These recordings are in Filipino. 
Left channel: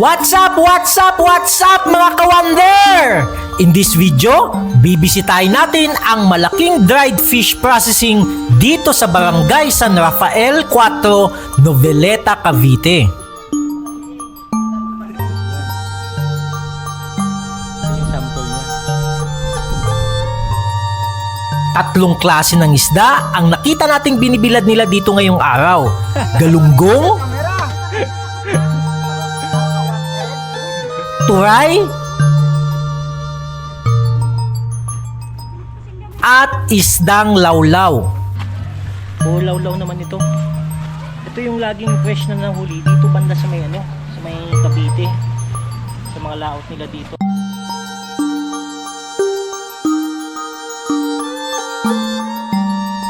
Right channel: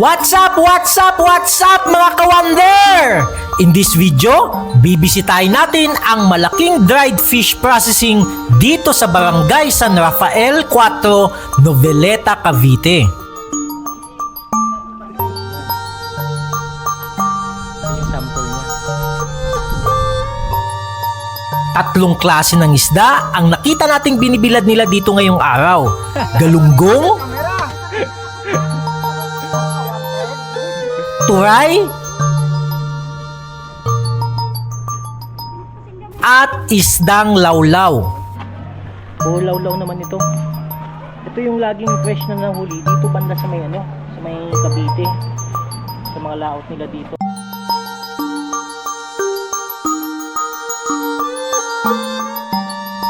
What's up mga kawander? In this video, bibisitahin natin ang malaking dried fish processing dito sa Barangay San Rafael 4, Noveleta, Cavite. Tatlong klase ng isda ang nakita nating binibilad nila dito ngayong araw. Galunggong, turay, at isdang lawlaw. Lawlaw naman ito. Ito yung laging fresh na nahuli dito banda sa may sa may Cavite. Sa mga laot nila dito.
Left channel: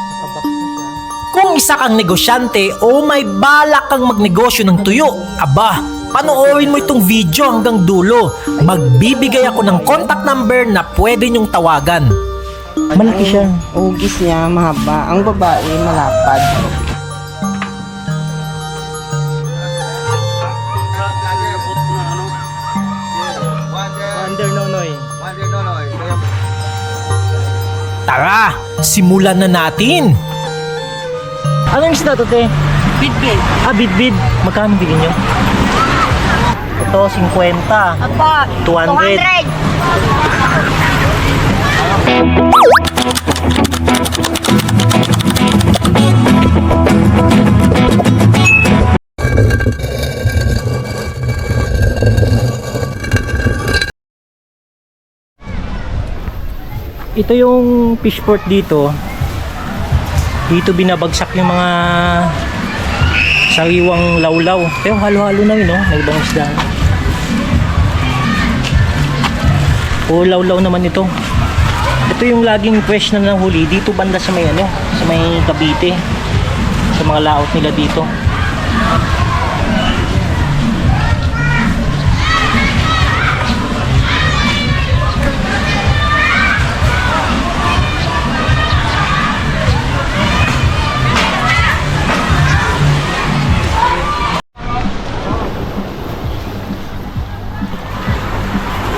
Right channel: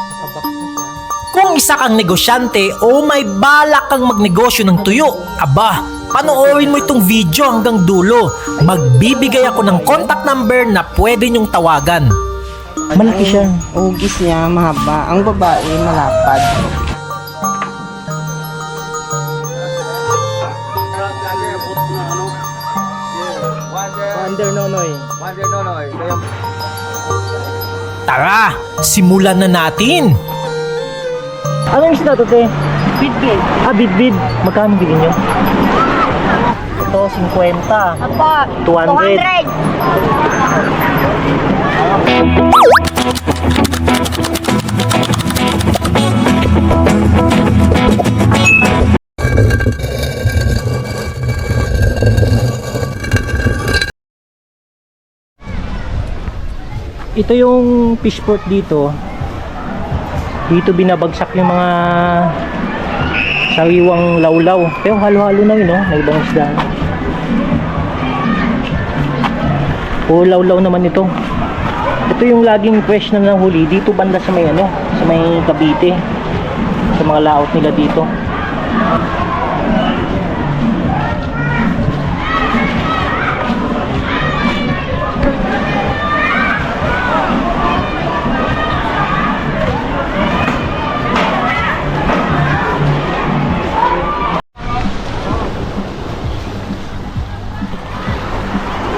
Nakabox na siya. Kung isa kang negosyante o may balak kang magnegosyo ng tuyo, aba, panoorin mo itong video hanggang dulo. Magbibigay ako ng contact number na pwede nyong tawagan. Malaki siya. Ugis niya, mahaba. Ang babae, malapad. Tara, simulan na natin! Anong isda to, te? Bidbid. Bidbid. Magkano bilhin nyo? Ito, 50. Apa, 200. Ito yung fish port dito. Dito binabagsak yung mga sariwang lawlaw. Pero halo-halo na yun, no? May ibang isda. Lawlaw naman ito. Ito yung laging fresh na nahuli dito banda sa may sa may Cavite. Sa mga laot nila dito.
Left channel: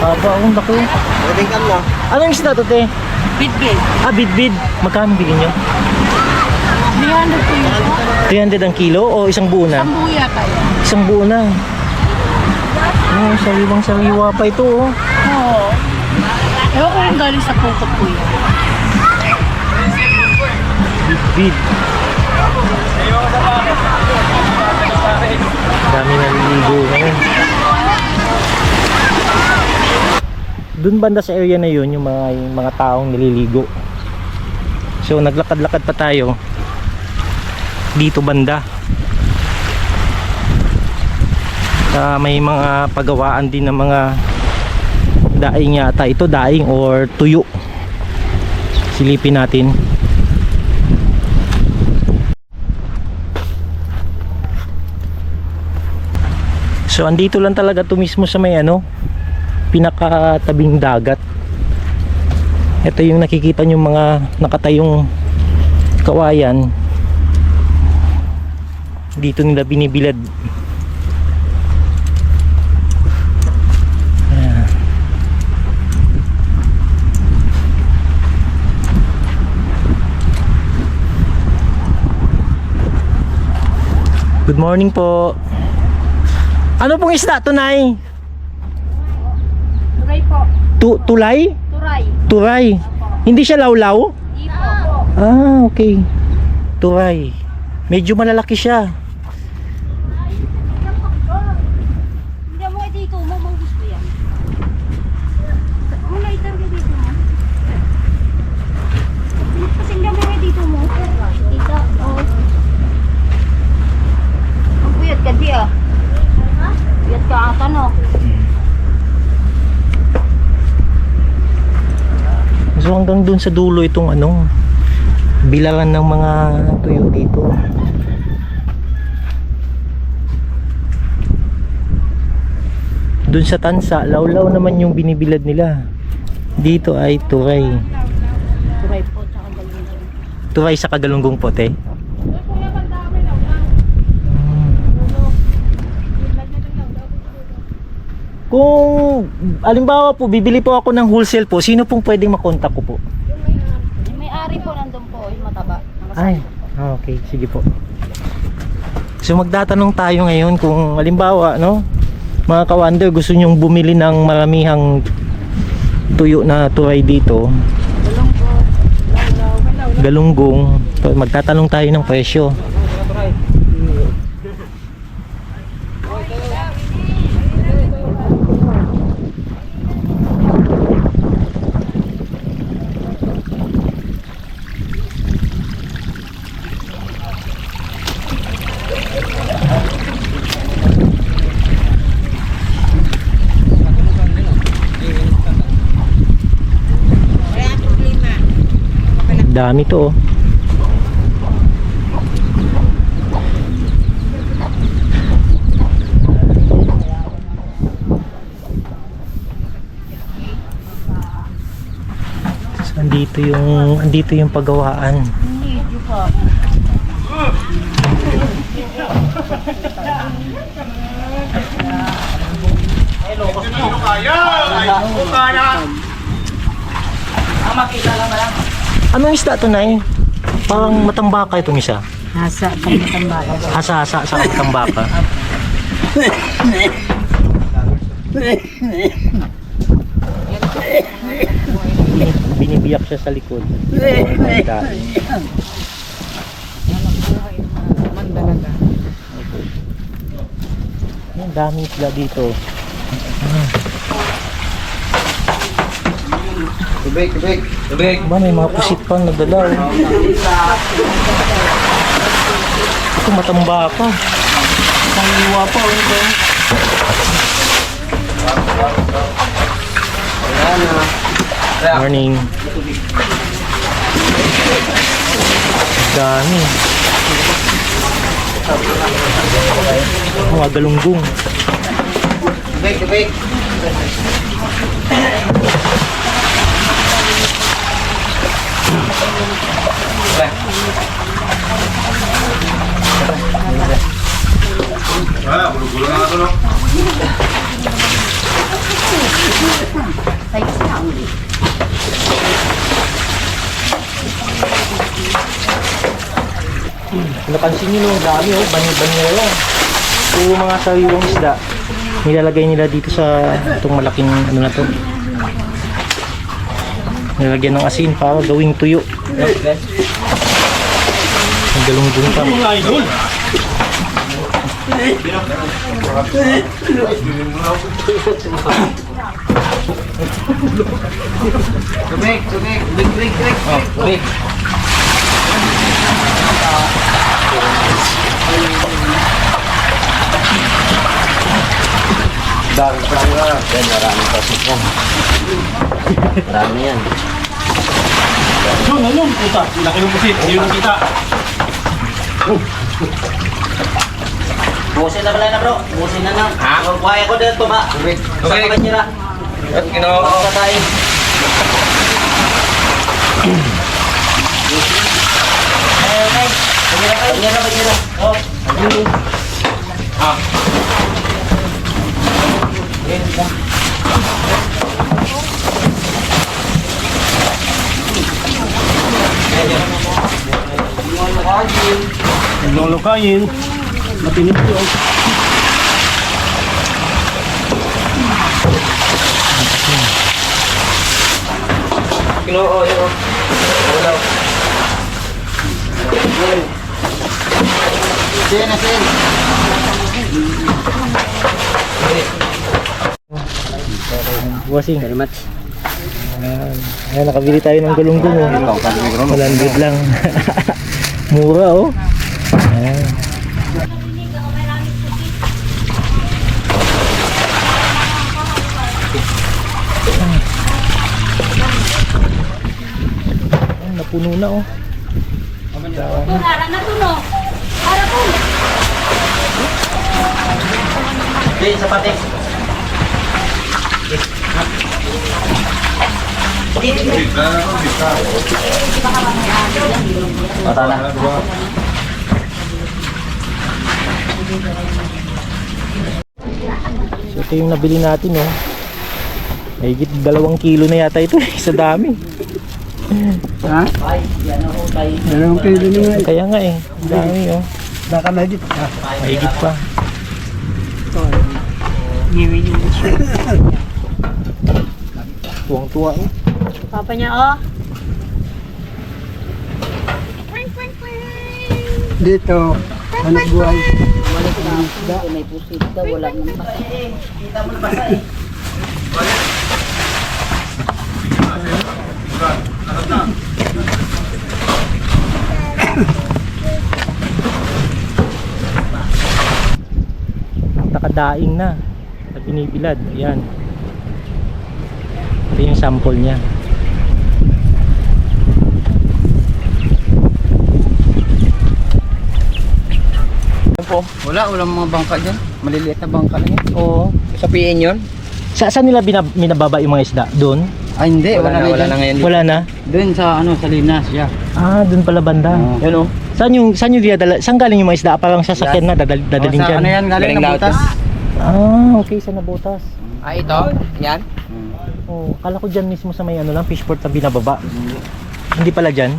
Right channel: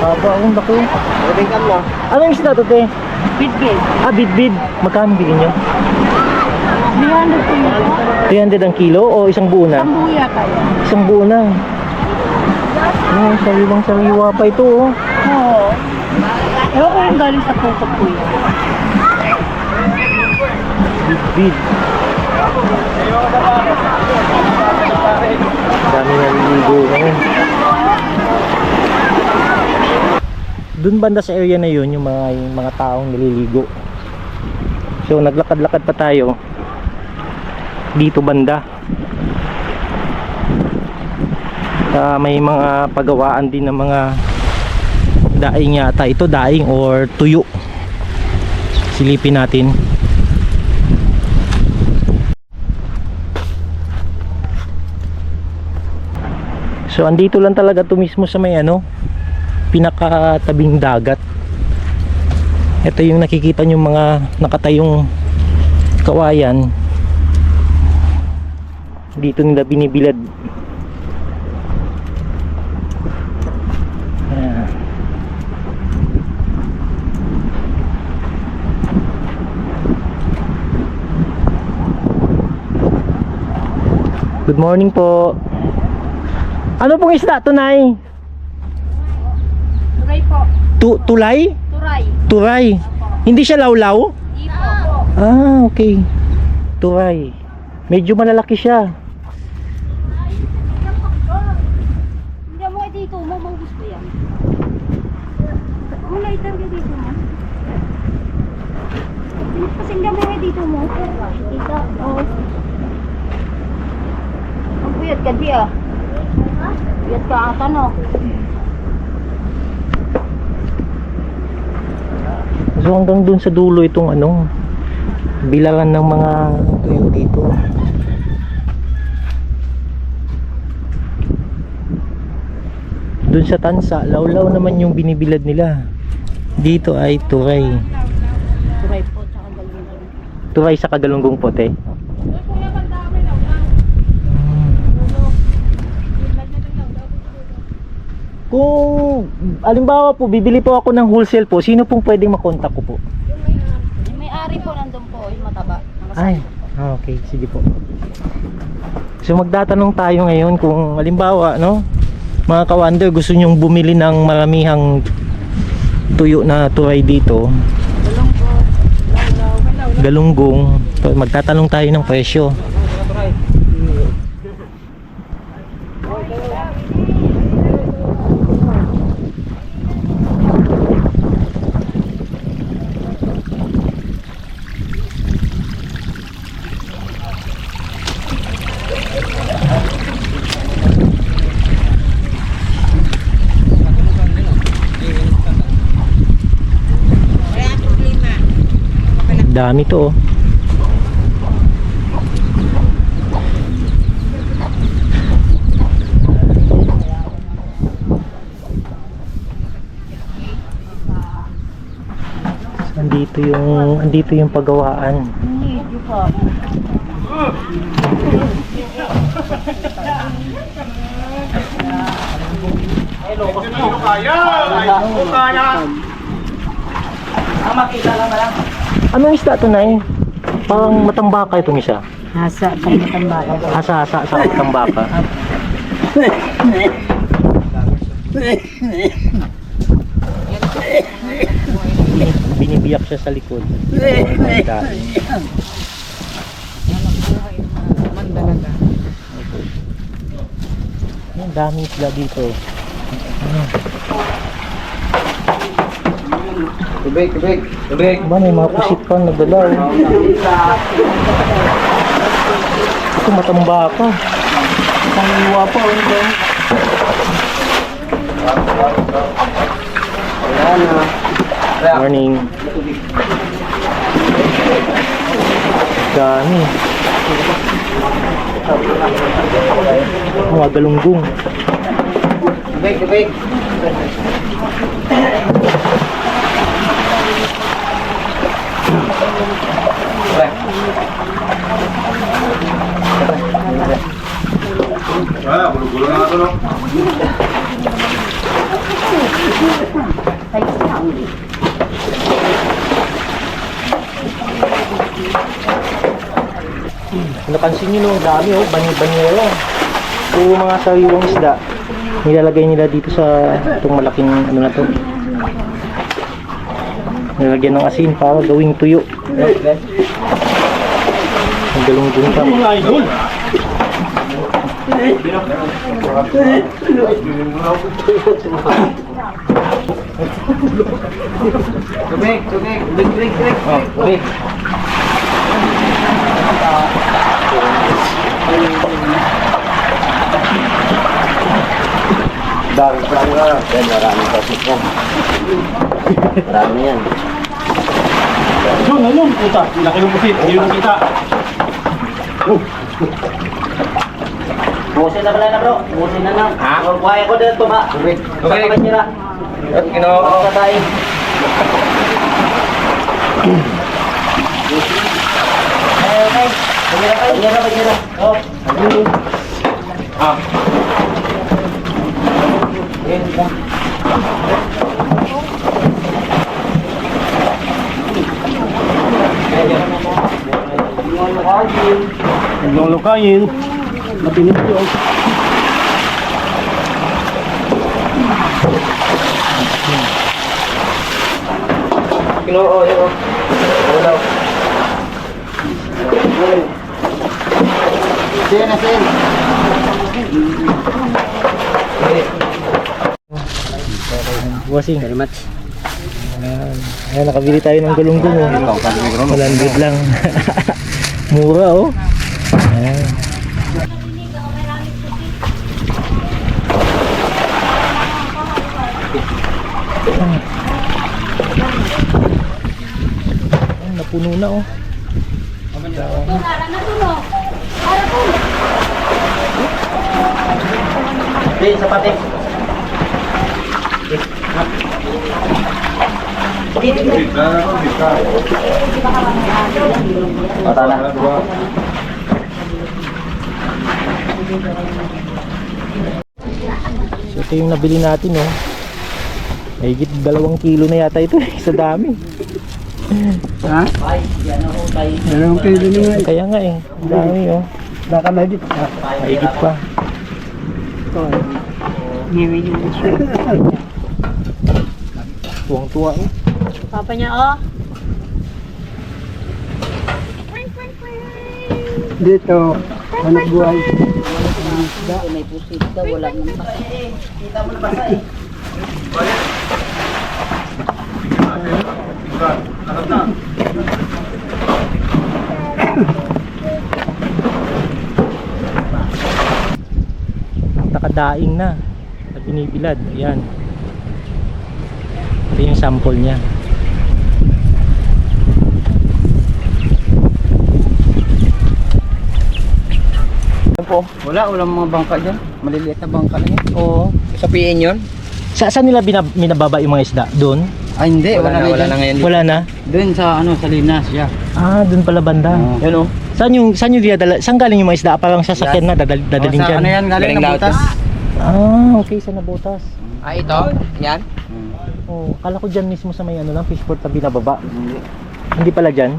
Haba akong laki. Pwede ka mo. Anong isda to, te? Bidbid. Bidbid. Magkano bilhin nyo? 300 po yun. 300 ang kilo o isang buo na? Sambuya kaya. Isang buo na. Sariwang sariwa pa ito, oh. Oo. Ewan ko yung galing sa pukot po yun. Bidbid. Dami na naliligo ngayon. Doon banda sa area na yun yung mga taong nililigo. So naglakad-lakad pa tayo dito banda. May mga pagawaan din ng mga daing yata. Ito daing or tuyo. Silipin natin. So andito lang talaga to mismo sa may pinakatabing dagat. Ito yung nakikita nyo mga nakatayong kawayan. Dito nila binibilad. Ayan. Good morning po. Ano pong isda to, Nay? Turay po. Tulay? Turay. Turay. Hindi siya lawlaw? Hindi po. Okay. Turay. Medyo malalaki siya. Hindi mo dito mo, manggus ko yan. Muna itarga dito mo. Kasi hindi mo dito mo. Dito, oh. Ang puyat ka di ah. Puyat ka ata no. So hanggang dun sa dulo itong bilangan ng mga tuyo dito. Dun sa tansa, lawlaw naman yung binibilad nila. Dito ay turay. Turay po, tsaka galunggong. Turay sa kagalunggong pote. Kung alimbawa po, bibili po ako ng wholesale po, sino pong pwedeng makontak ko po? Yung may-ari po nandun po, yung mataba. Ay, okay, sige po. So magtatanong tayo ngayon kung halimbawa, no, mga ka-wonder, gusto nyong bumili ng maramihang tuyo na turay dito, galunggong, magtatanong tayo ng presyo. Dami to, oh. Andito yung paggawaan. Hindi po. Anong isda to, Nay? Parang matambaka itong isa. Hasa, pagmatambaka. Hasa-hasa sa matambaka. Binibiyak siya sa likod. Ang daming isda dito. Tubig. Ba, may mga pusit pa nadala. Ito matambaka. Sangiwa pa. Morning. Dami. Mga galunggong. Tubig. Gulo na ito, no? Napansin nyo, no, dami, oh, banyera. Puro mga sariwang isda. Nilalagay nila dito sa itong malaking ano na to. Nilagyan ng asin para gawing tuyo. Ang galunggong pa. Tubig. Maraming pasok yan. Marami yan. Ayun, puta. Laki ng pusit. Hindi mo kita. Busin na pala na, bro. Busin na na. Buhay ako dito ba? Tubig. Sa kabanyera. At ginoo. Patay. Okay. Banyera. Oh. Lulukayin. Matinip yun. Ginoo, yun. Wala. Sin. Bossing. Very much. Ayan, nakabili tayo ng galunggong, oh. 100 lang. Mura, oh. Ayan. Ayan, napuno na, oh. Sin, sapates. Mata na. So ito yung nabili natin, oh. Mahigit 2 kilo na yata ito, sa dami. Ha? 2 kilo na nga. Kaya nga eh, ang dami, oh. Baka medyo. Mahigit pa. Tuwang-tuwa, oh. Papa niya, oh. Dito, anak buhay. May pusit daw, wala nang basa. Nakadaing na at binibilad. Ayan. Ito yung sample niya. Walang mga bangka dyan. Maliliit na bangka lang yan. Oo. Sa PN yun? Saan nila binababa yung mga isda? Doon? Ah, hindi. Wala na ngayon. Wala na? Doon sa sa Linas, yeah. Ah, doon pala banda. Yan o. Saan yung dinadala? Saan galing yung mga isda? Parang sasakyan na dadaling Sa dyan. ano yan, galing na butas. Ah, okay, sa Nabotas. Ah, ito? Yan? Oh, kala ko dyan mismo sa may ano lang, fishport na binababa. Hindi pala dyan.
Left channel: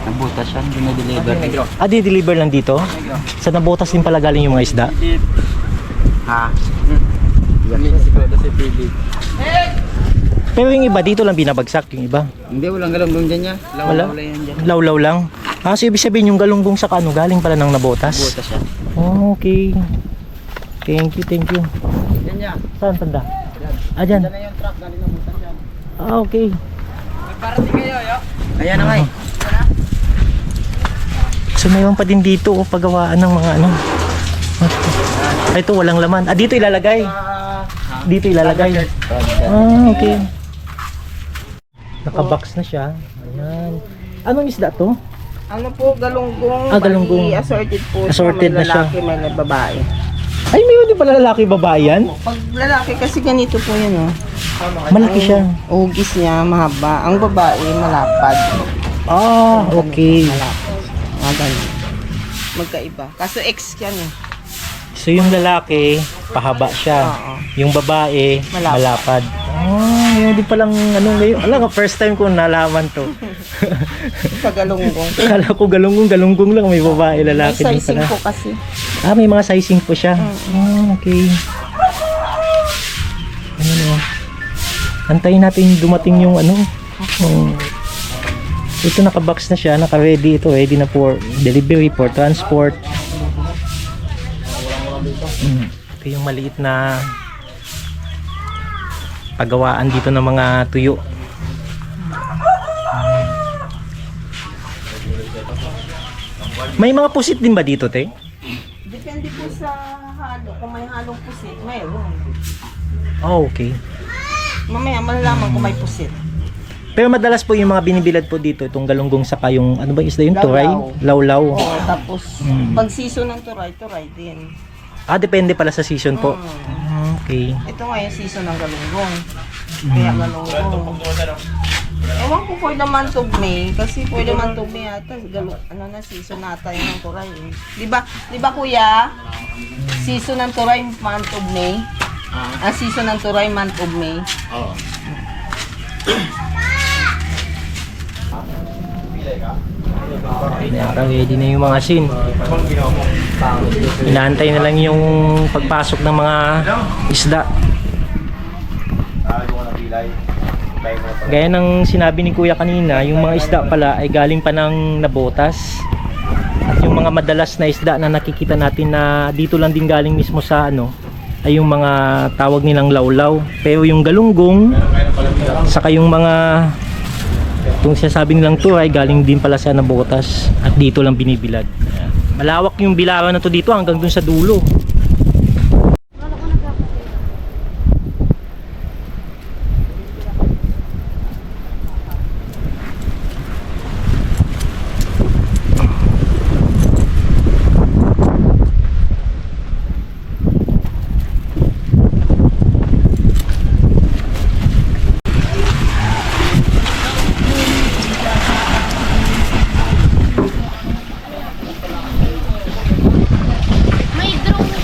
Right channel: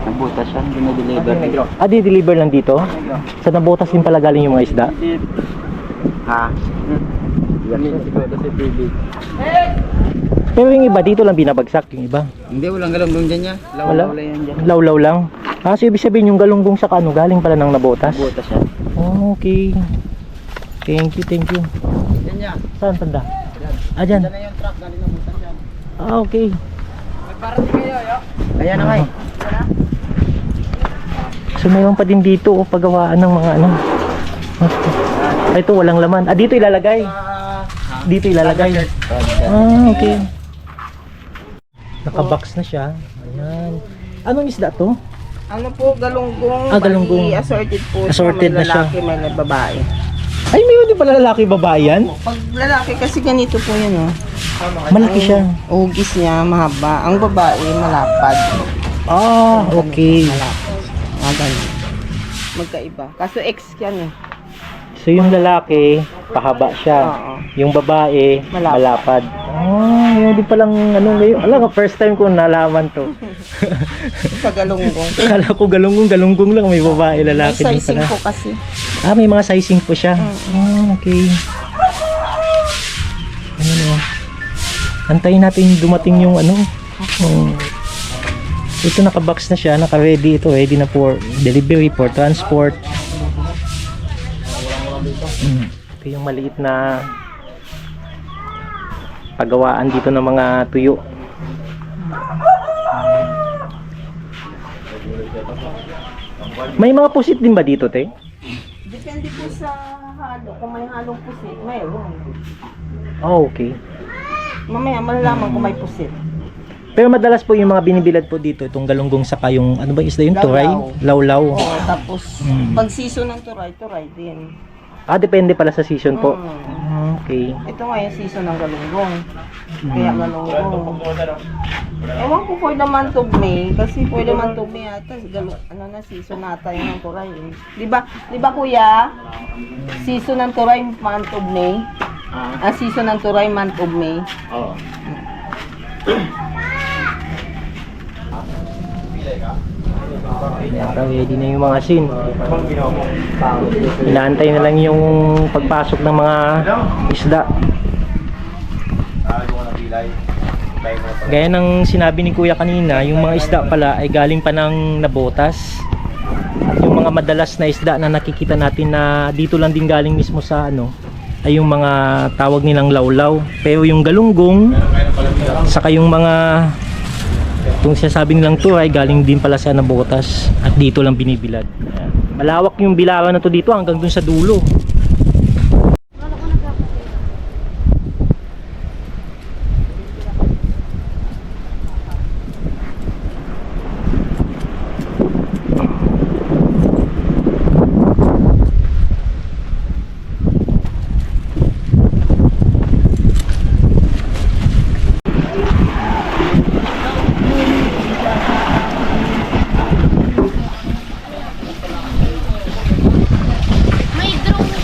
Nagbutas yan, dinideliver. Ah, di-deliver lang dito? Sa Nabotas din pala galing yung mga isda? Ha? Yan siguro si PB. Pero yung iba dito lang binabagsak, yung iba. Hindi, walang galong dyan niya. Wala? Law yan dyan. Lawlaw lang. Ah, so ibig sabihin yung galunggong sa kano galing pala ng Nabotas? Butas yan. Oh, okay. Thank you, thank you. Yan niya. Saan tanda? Ah, dyan. Yan na yung truck, galing na butas yan. Ah, okay. Magparating kayo, yo. Ayan na nga eh. So mayroon pa din dito oh, paggawaan ng mga ano. Ay, ito walang laman. Ah, dito ilalagay. Dito ilalagay. Ah, okay. Nakabox na siya. Ayan. Anong isda to? Ano po, galunggong. Ah, galunggong. Bali, assorted po. Assorted na may siya. lalaki, may babae. Ay, mayroon din pala lalaki babae yan? Pag lalaki kasi ganito po yun, oh. Malaki siya. Ang ugis niya, mahaba. Ang babae, malapad. Ah, okay. Malapad. Ah, ganun. Magkaiba. Kaso X yan, eh. So yung lalaki, pahaba siya. Oo. Yung babae, malapad. Malapad. Ah, yun din palang ano ngayon. Alam ko, first time ko nalaman to. Sa galunggong. Kala ko galunggong lang, may babae, May lalaki din sizing pala. po kasi. Ah, may mga sizing po siya. Ah, okay. Ano, antayin natin dumating yung ano. Ito nakabox na siya, naka-ready ito, ready na for delivery, for transport. Ito yung maliit na paggawaan dito ng mga tuyo. May mga pusit din ba dito, te? Depende po sa halo. Kung may halong pusit, mayroon. Oh, okay. Mamaya malalaman kung may pusit. Pero madalas po yung mga binibilad po dito, itong galunggong saka yung, ano ba isda yun? Turay? Lawlaw. Lawlaw. Oo, tapos pag season ng turay, turay din. Ah, depende pala sa season po. Okay. Ito nga yung season ng galunggong. Kaya galunggong. Ewan ko for the month of May. Kasi for the month of May ata, ano na, season nata yung ng turay. Eh. Di ba kuya? Season ng turay, month of May. Ah, season ng turay, month of May. Oo. Ready na yung mga scene. Inaantay na lang yung pagpasok ng mga isda. Gaya ng sinabi ni Kuya kanina, yung mga isda pala ay galing pa ng Nabotas. At yung mga madalas na isda na nakikita natin na dito lang din galing mismo sa ano, ay yung mga tawag nilang lawlaw. Pero yung galunggong, saka yung mga itong sinasabi nilang turay galing din pala sa Nabotas at dito lang binibilad. Malawak yung bilaran na to dito hanggang dun sa dulo. May drone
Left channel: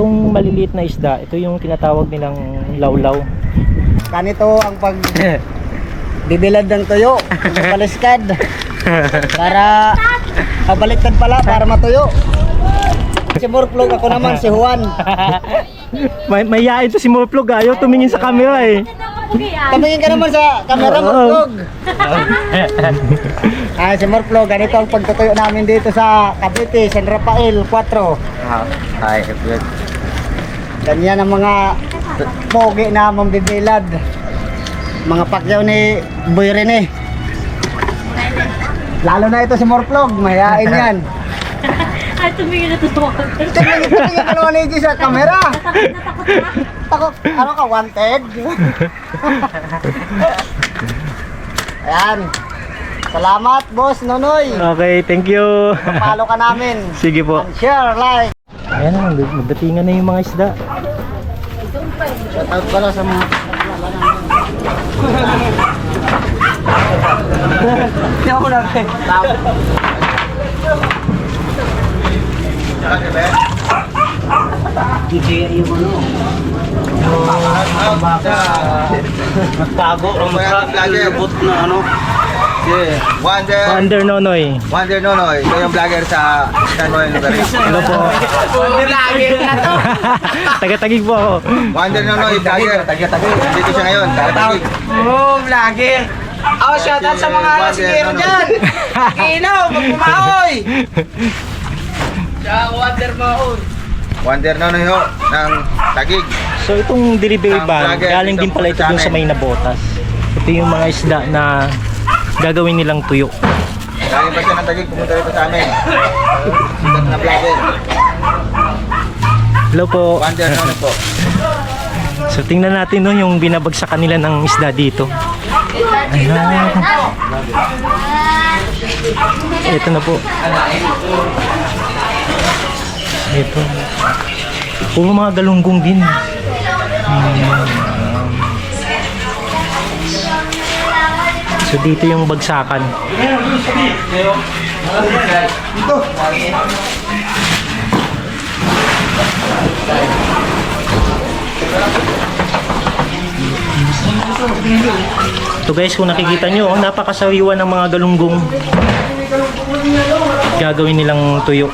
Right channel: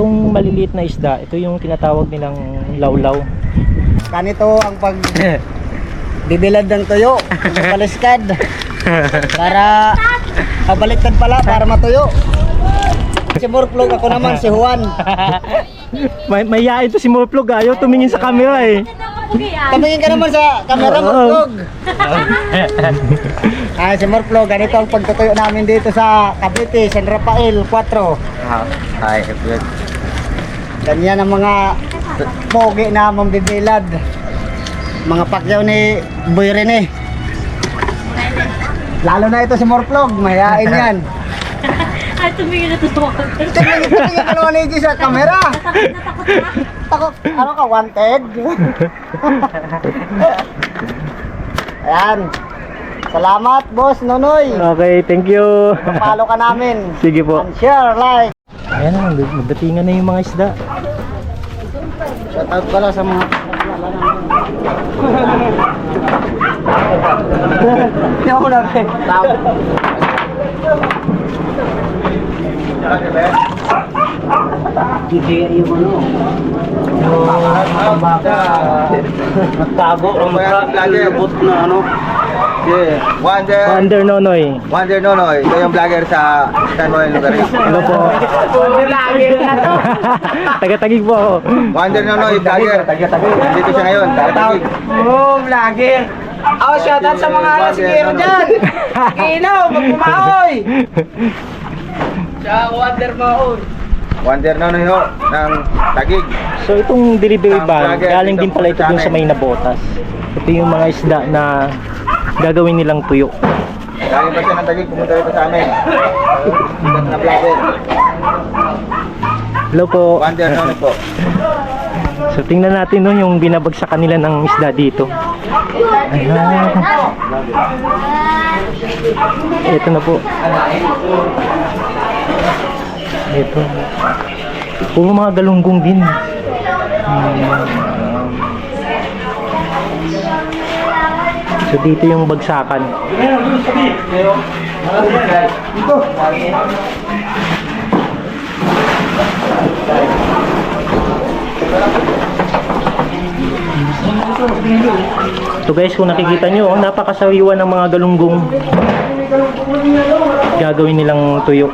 Itong maliliit na isda, ito yung tinatawag nilang lawlaw. Ganito ang pag bibilad ng tuyo, baliskad. Para baliktad pala para matuyo. Si Morplog, ako naman si Juan. May yain to si Morplog, ayaw tumingin sa camera eh. Tumingin ka naman sa camera, Morplog. Si Morplog, ganito ang pagtutuyo namin dito sa Cavite, San Rafael 4. Ay, good. Ganyan ang mga pogi na mambibilad. Mga pakyaw ni Boy Rene. Lalo na ito si Morplog, mayayain yan. Ay, tumingin na to. Tingnan ka naman ni sa camera. Takot, ano ka, wanted? Ayan. Salamat, boss Nonoy. Okay, thank you. Follow ka namin. Sige po. And share, like. Ayan na, magdatingan na yung mga isda. Shout out pala sa mga Hindi ako natin. Nagtago ang but na ano. Wonder Nonoy. Wonder Nonoy, ito yung vlogger sa San Juan Lugares. Hello po. Taga-tagig po ako. Wonder Nonoy, vlogger. Dito siya ngayon, taga-tagig. Oh, vlogger. Oh, shout out sa mga lasingero dyan. Inaw, magpumaoy. Siya, Wonder Maoy. Wonder Nonoy ho, ng Tagig. So itong delivery Ang van, vlogger galing din dito pala ito sa dun sa amin. may nabotas. Ito yung mga isda na gagawin nilang tuyo. Galing pa siya ng Tagig, pumunta rito sa amin. Sikat na vlogger. Hello po. Wonder Nonoy po. So tingnan natin no, yung binabagsakan nila ng isda dito. Ayan. Ito na po. Ito. Puro mga galunggong din. So dito yung bagsakan. Ito guys, kung nakikita nyo, napakasariwa ng mga galunggong. Gagawin nilang tuyo.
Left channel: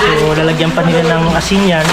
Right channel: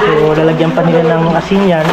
So lalagyan pa nila ng asin yan.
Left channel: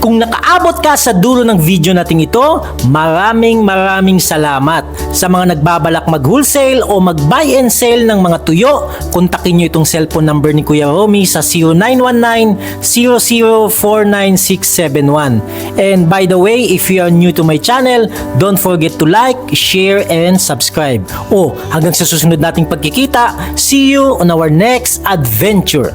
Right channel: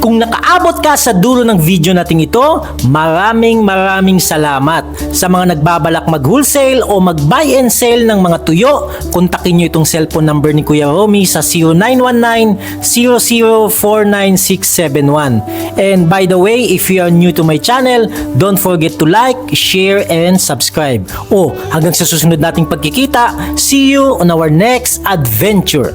Kung nakaabot ka sa dulo ng video nating ito, maraming salamat. Sa mga nagbabalak mag-wholesale o mag-buy and sell ng mga tuyo, kontakin nyo itong cellphone number ni Kuya Romy sa 0919-0049-671. And by the way, if you are new to my channel, don't forget to like, share, and subscribe. Hanggang sa susunod nating pagkikita, see you on our next adventure.